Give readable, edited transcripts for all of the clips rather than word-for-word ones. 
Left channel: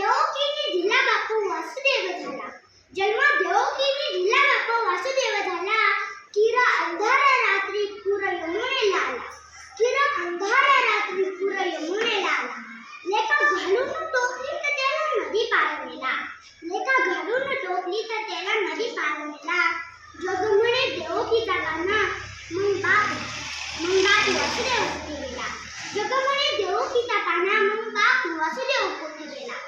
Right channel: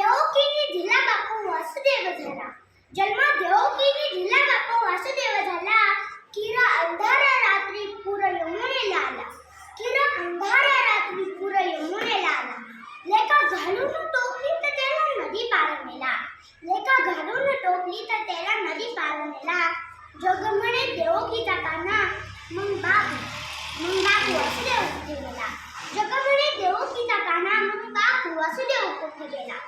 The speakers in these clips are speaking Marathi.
देवकीने दिला बापू वासुदेव झाला. जन्म देवकीने दिला बापू वासुदेव झाला. किर अंधाऱ्या रात्री पूर यमुनेला आला. किर अंधाऱ्या रात्री पूर यमुनेला आला. लेका घालून टोपली तर त्याला नदी पार नेला. लेका घालून टोपली तर त्याला नदी पार नेला. जग म्हणे देवकीचा काना मग बाप वासुदेव कुठे गेला. जग म्हणे देवकीचा काना मग बाप वासुदेव कुठे गेला.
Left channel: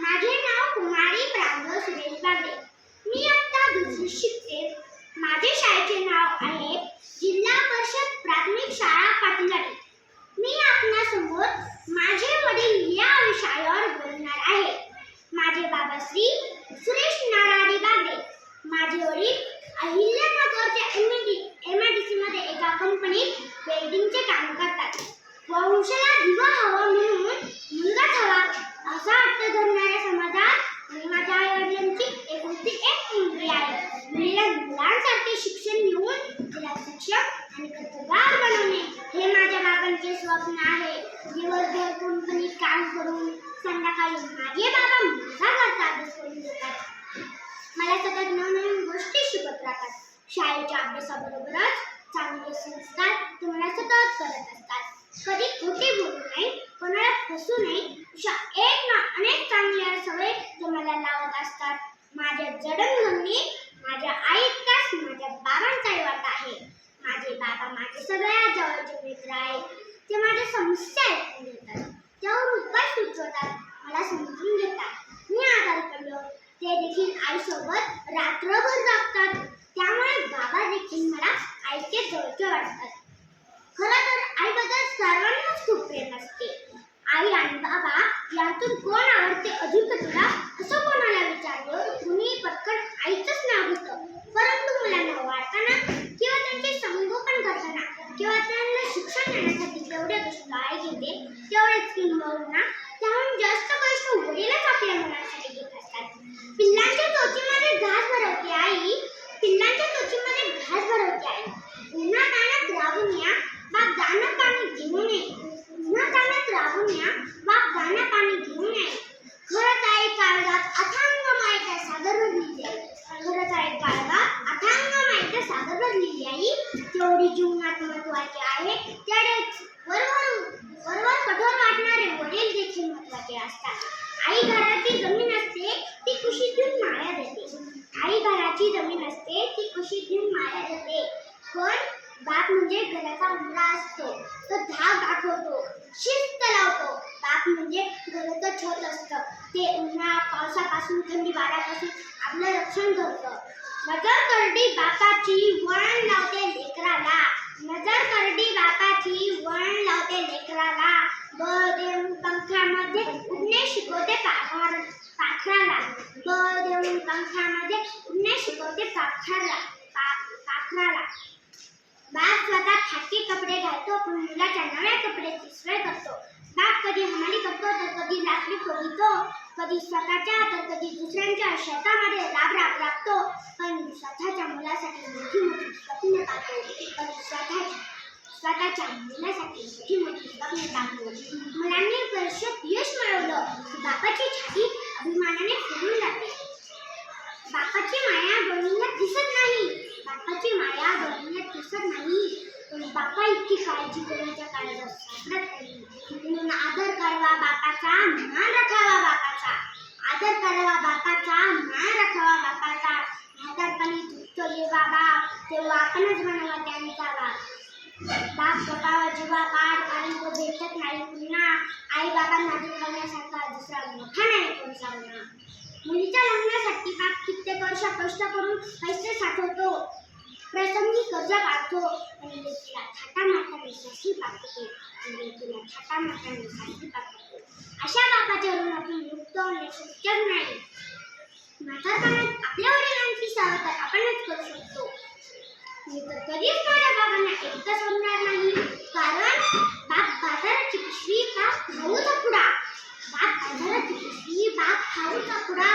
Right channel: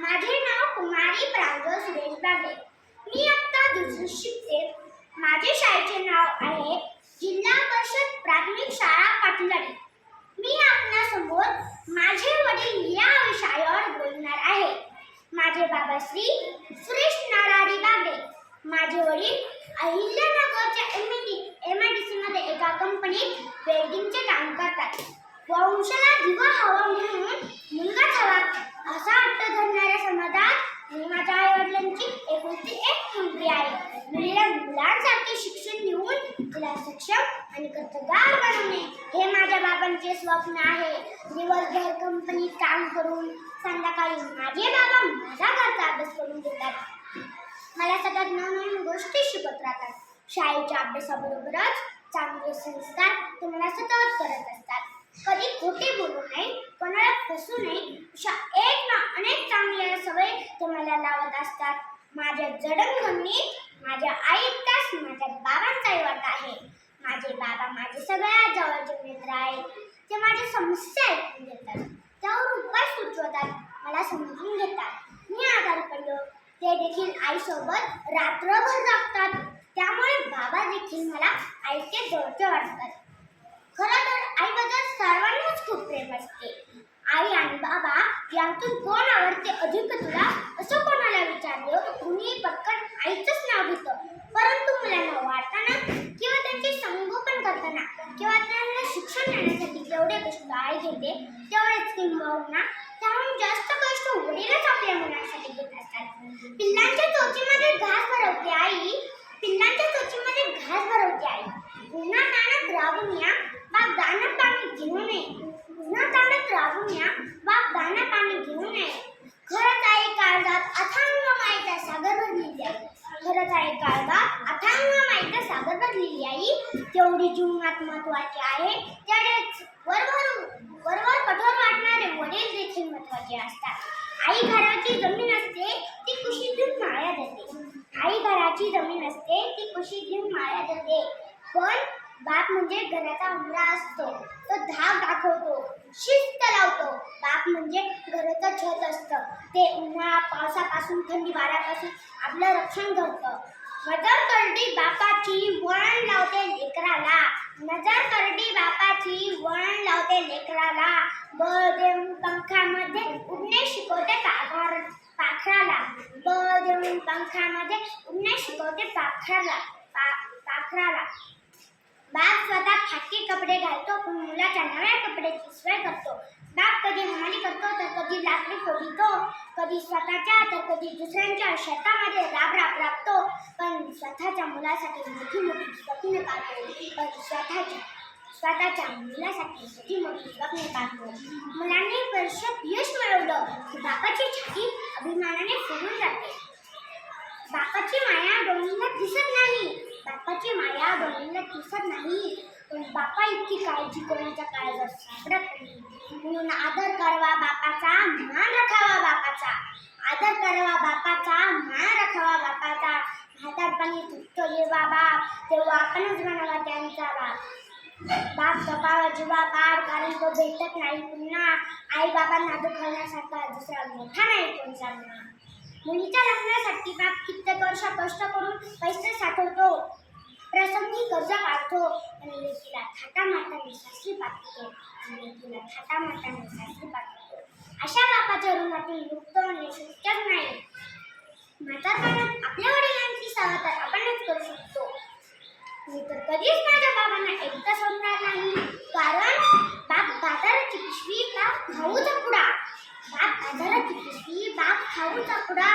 माझे नाव कुमारी प्रांजळ सुरेश बागडे. मी आता दुसरी शिकते. माझे शाळेचे नाव आहे जिल्हा परिषद प्राथमिक शाळा पाटलाडी. मी आपणासमोर माझे वडील या विषयावर बोलणार आहे. माझे बाबा श्री सुरेश नारायण बागडे. माझे वडील अहिल्यानगरच्या MIDC मध्ये एका कंपनीत वेल्डिंगचे काम करतात. वंशाला दिवा हवा म्हणून मुलगाच हवा असा हट्ट धरणाऱ्या समाजात मी माझ्या आईवडिलांची एकुलती एक मुलगी आहे. मुलीला मुलांसारखे शिक्षण देऊन तिला सक्षम आणि कर्तबगार बनवणे हे माझ्या बाबांचे स्वप्न आहे. दिवसभर कंपनीत काम करून संध्याकाळी माझे बाबा माझ्याकरता अभ्यास करून देतात. मला सतत नवनवीन गोष्टी शिकवत राहतात. शाळेच्या अभ्यासाबरोबरच चांगले संस्कार ते मला सतत करत असतात. कधी खोटे बोलू नये, कोणाला फसू नये अशा एक ना अनेक चांगल्या सवयी ते मला लावत असतात. माझ्या जडणघडणीत माझ्या आईतकाच माझ्या बाबांचाही वाटा आहे. माझे बाबा माझे सगळ्यात जवळचे मित्र आहेत. ते माझ्या समस्या ऐकून घेतात, त्यावर उपाय सुचवतात, मला समजून घेतात. मी आजारी पडलो ते देखील आईसोबत रात्रभर जागतात. त्यामुळे बाबा देखील मला आईचे जवळचे वाटतात. खरं तर आईबद्दल सर्वांनाच खूप प्रेम असते. आई आणि बाबा यातून कोण आवडते अधिक तुला असं कोणाला विचारलं कुणी पटकन आईचंच नाव घेतं. परंतु मुलांना वाटताना किंवा त्यांचे संगोपन करताना किंवा त्यांना शिक्षण देण्यासाठी जेवढे कष्ट आई घेते तेवढेच किंबहुना त्याहून जास्त कष्ट वडीलच आपल्या मुलांसाठी घेत असतात. पिल्लांच्या चोचीमध्ये घास भरवते आई. पिल्लांच्या चोचीमध्ये घास भरवते आई. पुन्हा ताणात राहून या बाप दाणं पाणी घेऊन ये. पुन्हा ताणात राहून या बाप दाणं पाणी घेऊन ये. खरंच आई काळजात अथांग मायेचा सागर भरलेली आई. खरंच आई काळजात अथांग मायेचा सागर भरलेली आई तेवढी जीवनात महत्त्वाची आहे. तेवढेच वरवर कठोर वाटणारे वडील देखील महत्त्वाचे असतात. आई घराची जमीन असते ती कुशीत घेऊन माया देते. आई घराची जमीन असते ती कुशीत घेऊन माया देते. पण बाप म्हणजे घराचा उंबरा असतो. तो धाक दाखवतो, शिस्त लावतो. बाप म्हणजे घराचं छत असतं. ते उन्हाळा पावसापासून थंडी वाऱ्यापासून आपलं रक्षण करतं. नजर करडी बापाची वळण लावते लेकराला. नजर करडी बापाची वळण लावते लेकराला. बळ देऊन पंखामध्ये उडणे शिकवते पाखराला. बळ देऊन पंखामध्ये उडणे शिकवते पाखराला. बाप स्वतः फाटके कपडे घालतो पण मुलाच्या नव्या कपड्याची सोय करतो. बाप कधी हमाली करतो तर कधी लाकडी फोडीतो. कधी स्वतःच्या तर कधी दुसऱ्यांच्या शेतामध्ये राबतो. पण स्वतःच्या मुलासाठी मोठी मोठी स्वप्न पाहतो. पण स्वतःच्या मुलासाठी मोठी स्वप्न पाहतो. मुलांनी परीक्षेत यश मिळवलं की बापाची छाती अभिमानाने फुलून जाते. बापाची माया डोळ्यांना दिसत नाही. बापाची माया डोळ्यांना दिसत नाही. पण बापा इतकी काळजी कोणाच्या काळजात सापडत नाही. म्हणून आदर करावा बापाचा, मान राखावा बापाचा. आदर करावा बापाचा, मान राखावा बापाचा. हातात पाणी तुटतो जेव्हा बाप तेव्हा आपणच बनावा त्यांचा बाप. बाप स्वतः जीवा काढ कारण तो भेटत नाही पुन्हा. आई बाबांना दुखावण्यासारखा दुसरा मोठा नाही कोणचा गुन्हा. मुलीच्या लग्नासाठी बाप कित्येक वर्ष कष्ट करून पैसे साठवतो. प्रसंगी कर्ज काढतो आणि लेकीला थाटामाटाने सासरी पाठवतो. अशा बापाच्या ऋणातून मुक्त होणे शक्यच नाही. म्हातारपणात आपल्या वडिलांची सेवा तर आपणच करू शकतो. मी तर कधीच माझ्या बाबांना एकटा सोडणार नाही. कारण बाप बाजाराची पिशवी बाप खाऊचा पुडा. बाप बाजाराची पिशवी बाप खाऊचा पुडा.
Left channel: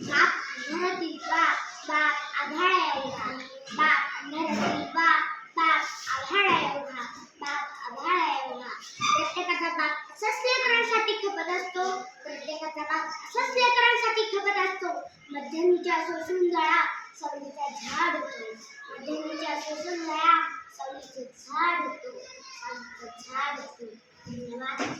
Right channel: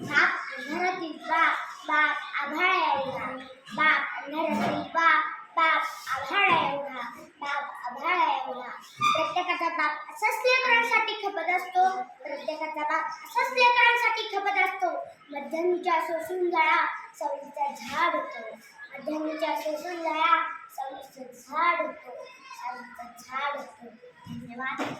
बाप अंधारातील बाप आभाळा एवढा. बाप अंधारातील बाप आभाळा एवढा. बाप आभाळा एवढा. प्रत्येकाचा बाप असाच लेकरांसाठी खपत असतो. प्रत्येक प्रत्येकाचा बाप असाच लेकरांसाठी खपत असतो. मध्यमच्या सोसून जळा सावलीचा झाड होतो. मध्यमच्या सोसून जळा सावलीचं झाड होतो. सावलीचं झाड होतो. धन्यवाद.